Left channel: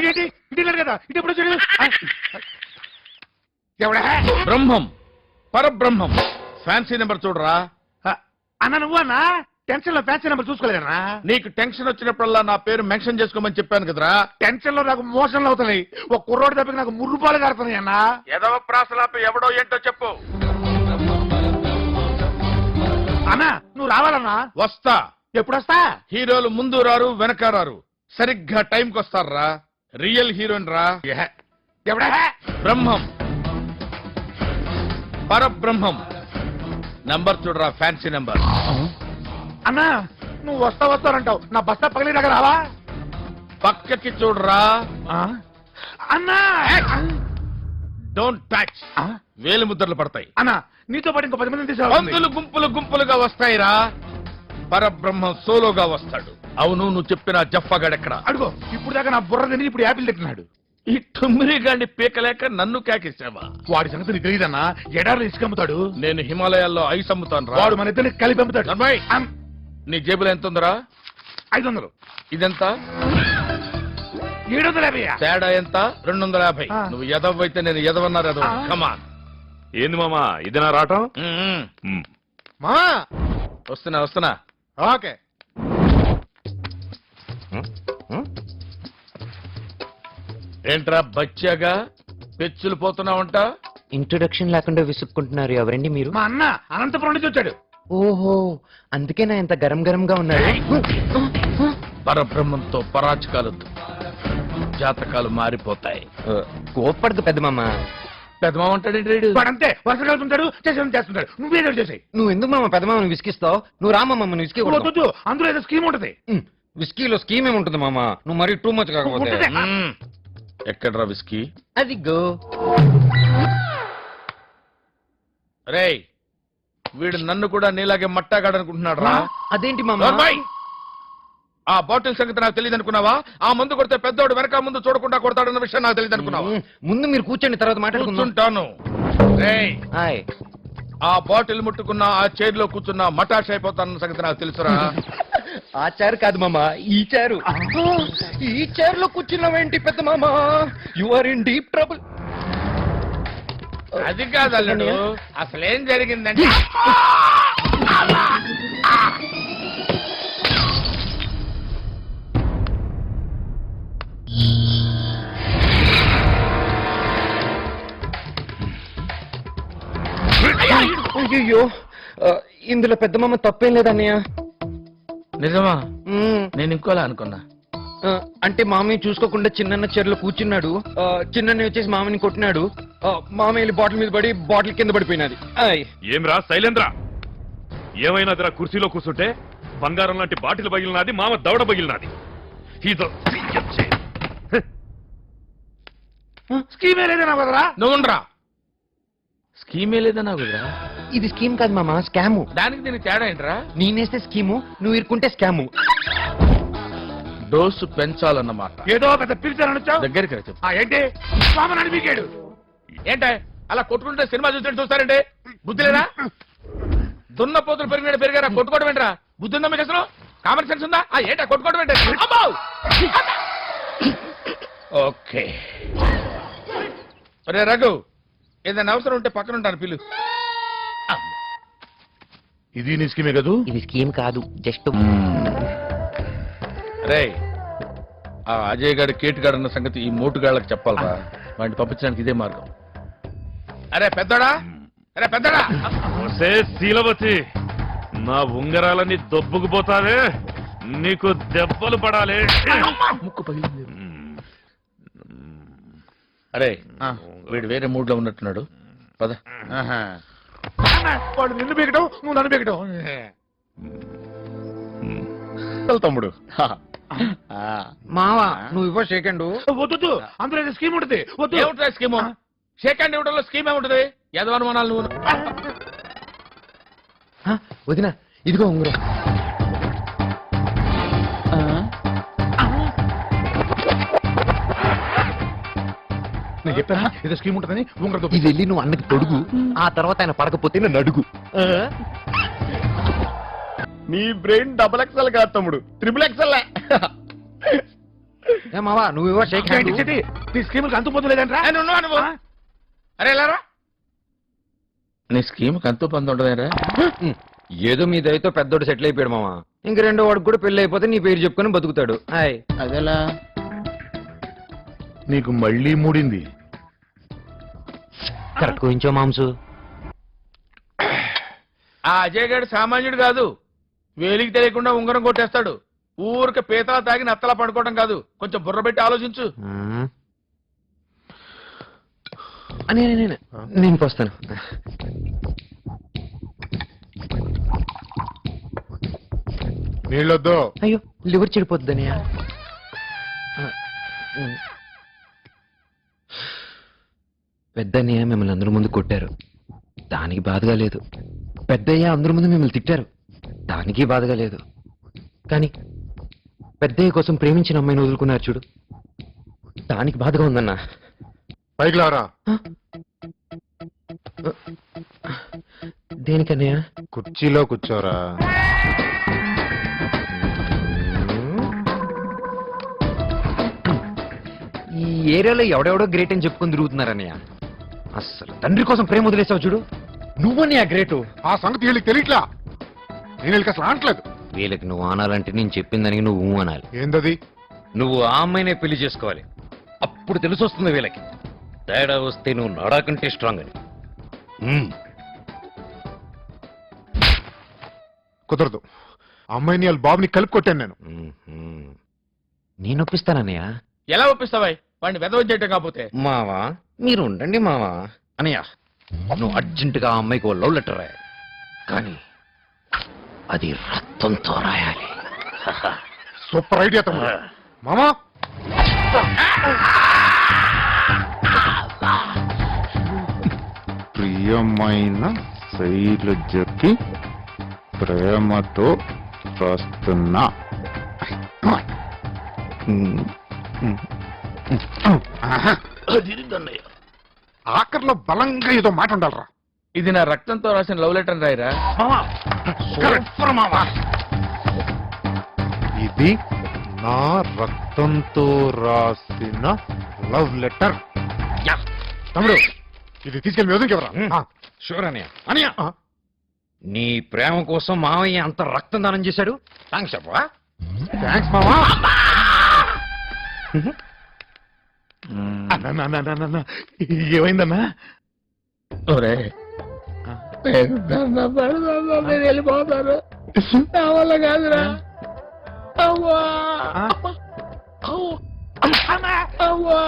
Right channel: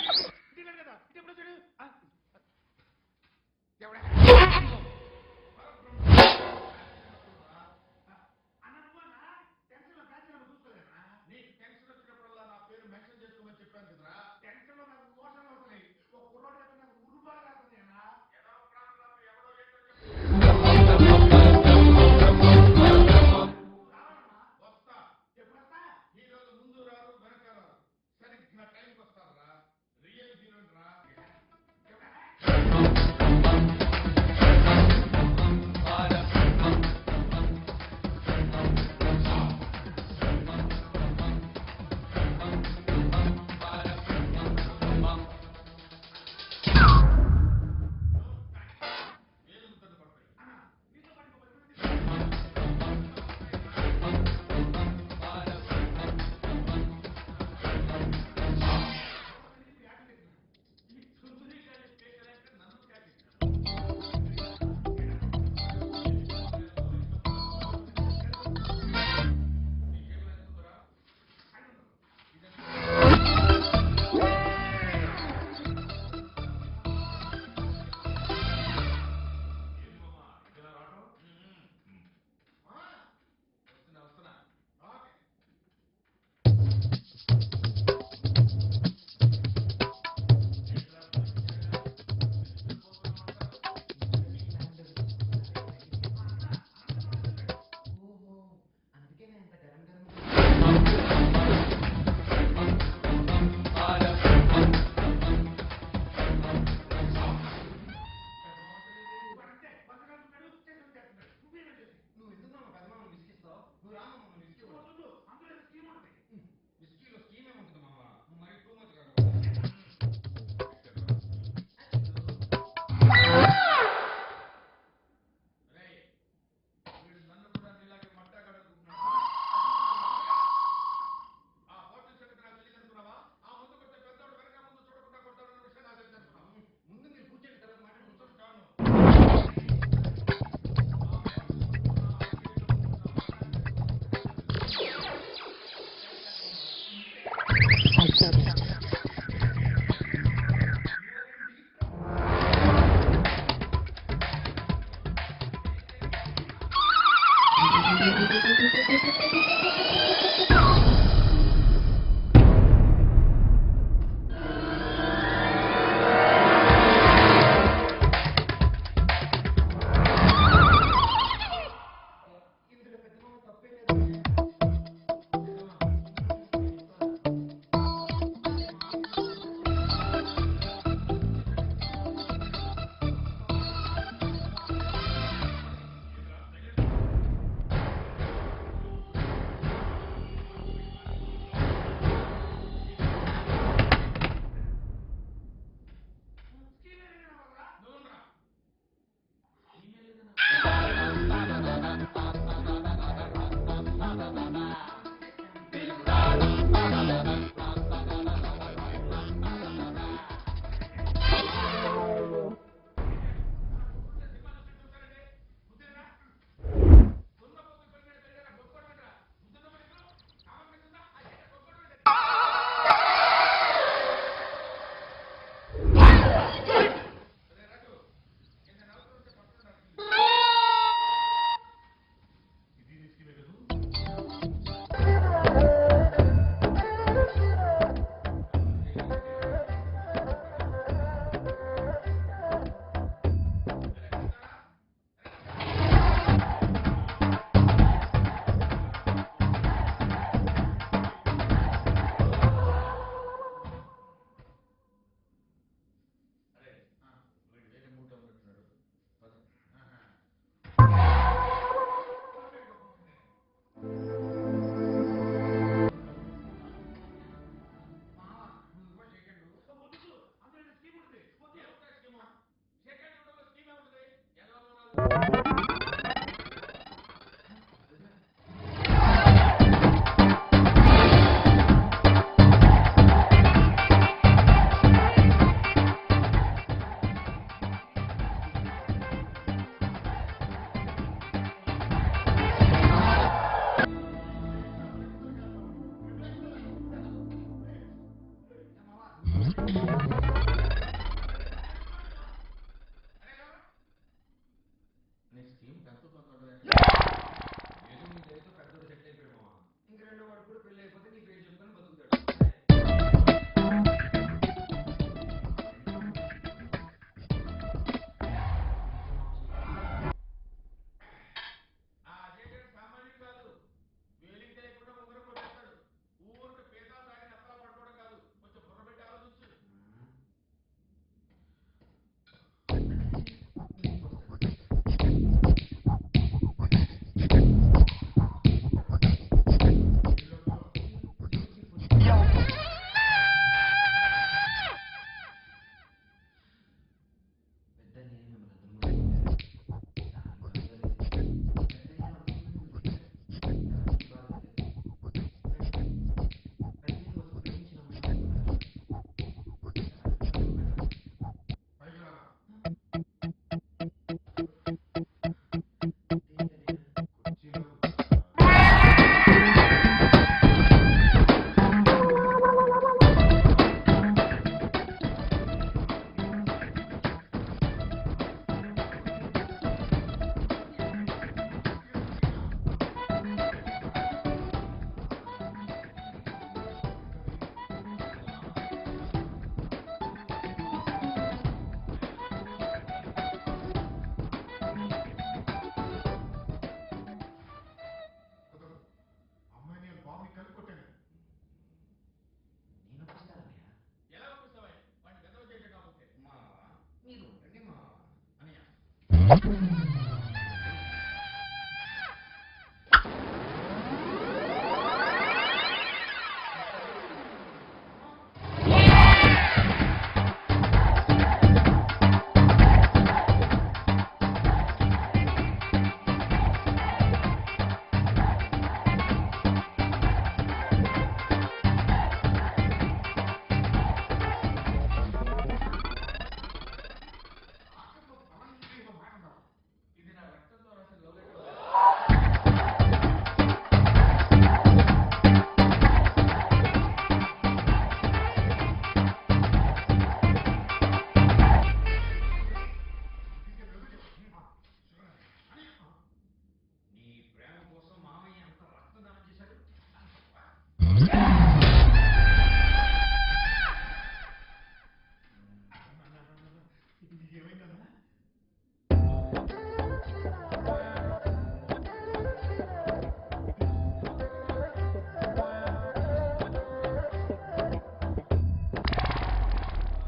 ఇదేంటి ఇదే కదా ఇది ఎప్పుడు వచ్చాడు ఎవడా బ్రహ్మం పరబ్రహ్మం ఫ్యాన్సీ నెంబర్ చూడరా. అన్న నువ్వు అన్న టెన్షన్ లో ఫ్యాన్సీ నెంబర్ చూసుకోలేదన్నా. నీకు టెన్షన్ వచ్చినప్పుడల్లా నా పేరు మెన్షన్ చేసుకోమని చెప్పాను కదరా. టెన్షన్ లో నాకు మోషన్లు అవుతున్నాయి. ఒక కుర్రోడు తప్పకి నాకు ముర్రుపాలు కారుతున్నాయి అన్న. ఎదవ ప్రాసలాపి ఎవడో ఏంటో చెప్పు. అన్న నువ్వు రావాలన్నా. వస్తా. ఎప్పుడు వస్తా? హీరోలు ముందు రారు వెనక రారు, సరిగ్గా టైంకి వస్తారా. రియల్ హీరోయిన్ రా. ఎవడా బ్రహ్మం పరబ్రహ్మం నంబర్ చూడరా. Fancy number. అన్నా నువ్వు వస్తానంటావు, నా బస్తా పగిలి దగ్గర రావా? పక్కకి చూడరా. అన్నా డోంట్ టచ్. వేలు ముద్రలు పడతాయి. అన్నా నీతో పాటు ఇంకో 10 మందిని పందులు తీసుకురా. గుంపులు గుంపులుగా వస్తాయిరా. పరబ్రహ్మం సోలోగా వస్తాడు. అవును, నువ్వు చెప్పిన జఫ్ఫగాడెక్కడ? అడుగు. ఇప్పుడు దాకా నా బుర్ర తిని ఇప్పుడు యాపిల్ తింటున్నాడు. ఈ టుమ్మిరి గాండి పీకలేక నన్ను కేకేసావా? వాడి సంగతి నీకు తెలియదన్నా. ఎడార్లు ఇసుకమ్ముతాడు. నేను హిమాలయాల్లో ఐస్ అమ్ముతాను రా. వాడు మన ఇద్దరిని కలిపి అమ్ముతాడు. అమ్మాయి, నీ జేబులో ఎంత ఉందరా? 500. ఇదెంత? 750. తేడా ఎంత? 250. నువ్వు ఎదవ అయితే నేను ఎదవన్నారు ఎదవ. కమా. ఏంది మామా ఇది నా రావటం? మా వస్తున్నా. ఓకే. ఏంట్రా బచ్చాగా పెచ్చులు పోతున్నావంట? ఇంట్రొడక్షన్ లేకుండా విసుక్కుంటున్నారు. ఎవరండి మీరు? మా అన్న అనంతపురం నుంచి వచ్చాడు. ఓహో, అందుకేనా ఇంత గరం గరంగా ఉన్నారు. పరబ్రహ్మంతో పరాచకాలు జాతకాలు మారిపోతాయి. కోప్పడదు పెద్ద మామ. పెద్దమామ అంటాడు. వాడంతే వరుస కలుపుతుంటాడు, చేస్తుంటాడు. నువ్వేదో చేసాయి. నువ్వు ఎందుకు మామ పెద్ద మామని విసికిస్తావు? నువ్వు రా మామ విసికి. వద్దు, అందులో ఏదో స్కీమ్ ఉంటది. విస్కీలో స్కీమ్ ఏముంటుంది మామ? నువ్వు మరీ టూ మచ్ కాకపోతే. ఎక్కడ్రా విస్కీ? అది గో. రేయ్, వీడు నన్ను కూడా నీలాగే మట్టాగాడనుకుంటున్నాడు రా. అదేంటి మామ? ఆ బాటిల్ సంగతి నాకు తెలియదు అనుకున్నావా? ఆ ముందు కొడితే పెద్దోడు వెనక ముందు చూడకుండా కొడతాడన్న విషయం నాకు తెలియదు అనుకున్నావా? ముందు మీరు కూర్చోండి, తర్వాత మాట్లాడుకుంటాను. ఆ బాటిల్ ముట్టుకున్నా, ఆ చైర్ లో కూర్చున్నా మటాష్ అయిపోతానన్న సంగతి నాకు తెలుసురా. ఆ చైర్ కాదు మామ, ఈ చైర్. ఈ చైర్ లో కూర్చున్నావేంటి పెద్ద మామ? You are in deep trouble. అది కాదు అల్లుడు, అసలేం జరిగిందంటే అయ్యో, ఇందులో పెద్ద మామ తప్పేం లేదన్నయ్య. నిజమా? నేను ఇంకోలా అనుకున్నా. అంటే మామయ్య చూసుకోకుండా చిన్న చీరలో కూర్చున్నాడు. చిన్న వచ్చేసి మామని కొట్టినాడు. మామ వెళ్ళి బాటిల్ మీద పడి బాటిల్ కింద పడిపోయినది. ఏం రా శైలేంద్ర, ఏమైనా అదిరా కుర్చీలో కూర్చుంటే బంగారం లాంటి బాటిల్ పగిలినది, మామ దవడ పగిలినది. స్కీమే లేదన్నా కదరా. నువ్వుండ్రా. స్కీమే లేదన్నా కుదరా? ఇది స్కీమ్ కాదు మామ, స్కాము. దానికి దీనికి తేడా ఏంట్రా? నేనేస్తే స్కీము, నువ్వు ఇరుకుంటే స్కాము. డోసు పెంచాలన్నమాట. ఏదో పెద్ద పిలిచాను దగ్గరికి రా. ఏంటి స్వామి పీకాడు. ఏంటే అలా కొట్టుకుంటే సినిమా చూసినట్టు చూస్తారంటే? బుద్ధి లేదా? దున్న పోతులు పెరిగారా కొట్టుకోవడం ఏంట్రా? బుద్ధి ఉందా మీకు అసలు? కామన్ సెన్స్ ఉందా? ఏంటా కొట్టుకోవడం ఏంటి? ఓకే రే రఘు, ఏదైనా అవసరం ఉంటే పక్కన ఉంటాను, పిలు. ఇది నీ స్కీమే కదూ? ఇది స్కీమ్ కాదు, జస్ట్. రే, ఆ అజయ్ గారి కేటుగాడు అన్న సంగతి ఈ మోటుగాళ్ళకి చెప్పాలరా. వాడిని పంపించడానికి ఇదే మార్గం. అరే పెద్దోడా, శీలవతి, నా ఉంగరాలని దొబ్బుకుపోతావే, నీకు దెబ్బలు పడాలి. ముక్కు పగిలింది. అరే, వీడు వేరే మూడ్ లో ఉన్నట్టున్నాడు. పద. వాడు నిన్ను పీకటం, నువ్వు నన్ను పీకటం. తమ్ముడు మావా నువ్వు ఇవ్వ సెకండ్. వద్దు, అందులో ఏదో స్కీమ్ ఉంటుంది. వద్దు. ఏముంటుంది స్కీమ్? సెకండ్ ఇవ్వడంలో స్కీమ్ ఏముంటుంది? యదవనుమానాలు నువ్వు. వదిన ఇదిగో ఉంగరం. నేను చెప్పానా ఏదో స్కీమ్ ఉంటుందని? ఇది వెళ్ళి నువ్వు అన్నకి తొడుగు, ఆ తర్వాత ఆయన పడకపోతే నన్ను అడుగు. నీ బ్రెయిన్ డబుల్ ఎక్సెల్ కాదు తమ్ముడు, ట్రిపుల్ ఎక్సెల్. ఏ మావా నువ్వు ఇవ్వ షేక్ హ్యాండ్. ఏంటి చిట్టి? నీ స్కీమ్ అంతుపోతులేదంట్రా? ఏ, నువ్వు అరే వెళ్ళారా నీ స్కీమ్ అంతు పంది ఉండదేరా ఏదో మీ దయతో పెద్దోడు సెటిల్ అయిపోయాడు మావా. ఇంక రెండో వాడికి కూడా పెళ్లి అయిపోతే నీ పేరు చెప్పుకొని బతుకుతాడు. హాయ్. అదేలా నీకు మళ్ళీ మూడింది. కరెక్ట్ గురించో మాంసు. ఆ అజయ్ గారు సామాన్యుడు కాదు. వేలికి తెలియకుండా ఉంగరం కొట్టేస్తాడు. ఊరికి పీతలా తాగి నత్తలా పడుకోవడం కాదు. కొంచెం బుర్ర పెట్టి ఆలోచించు. నేను పోస్తాను. నీళ్ళొద్దు. అయ్యో లివర్ చెడిపోతుందని. పెద్దన్నయ్య మిమ్మల్ని అందరి ముందు కొట్టారు, దానికి బాధగా లేదు. పెద్దయ్య అందరి ముందు మిమ్మల్ని తిట్టారు, దానికి బాధగా లేదు. కానీ పెద్దయ్య కోసం ప్రేమించిన అమ్మాయిని వదులుకున్నారు చూడు, దానికి బాధగా ఉందన్నా. పైకి లారా. దేనికన్నయ్య? కుర్చీలో కూర్చోరా. ఈ ఏరియాలో ఎవడెవడో గ్రేట్ అని చెప్పుకొని తిరుగుతున్నారన్నయ్య. అసలు తండ్రి కోసం ప్రేమ వదిలేసావు చూడు, నువ్వన్నయ్య గ్రేటు. ఆ సంగతి వీళ్ళకి తెలియట్లా. నేను వీళ్ళకి అసలు అనట్లేదు. వీళ్ళకి నువ్వు ఆనాలంటే నేను చెప్పిన దానికి నువ్వు అనాలి. ఏందది? నువ్వు ఆ అమ్మాయినే పెళ్లి చేసుకోవాలి, అప్పుడు తెలిసి వస్తుంది వీళ్ళకి. తేడా వస్తే నువ్వు నాడాకంటే స్ట్రాంగ్ అని. కుదరదు. అమ్మాయిని వాళ్ళ బాబుని కలిపి కొట్టాను నేను. నేను ఒప్పిస్తానన్నయ్య. ఎలా ఒప్పిస్తావా వాడిని వెదవ చేయటం కాకపోతే? మావా మీరు ఉండండి మావా. అన్నయ్య నువ్వు అర్జెంటుగా ఆ అమ్మాయికి ఓ లవ్ లెటర్ రాయాలి, కానీ అది రక్తంతో రాయాలి. సూపర్ ఐడియా తమ్ముడు. మామా ప్రియమైన శైలజకి ప్రేమతో వస్తున్నా. ఆఖర్లో బలంగా ఏదో మాట ఉండాలరా. ఇది నా రక్తంతో రాసిన లవ్ లెటర్ రాయరా? ఇది నా రక్తంతో రాసిన లవ్ లెటర్. తమ్ముడు ఇది తీసుకెళ్ళి మ్యూజిక్ ఎవరా? షూర్ అన్నయ్య. అన్నయ్య నీ ప్రేమ కోసం మావయ్య అంత రక్తం దానం చేశాడు. థ్యాంక్స్ చెప్పవా? థ్యాంక్స్ మామా. అన్నా ఏమైందన్నా? ఒరే వెళ్ళిపోతారు నా వల్ల కాదురా. అవ్వా. అవ్వా.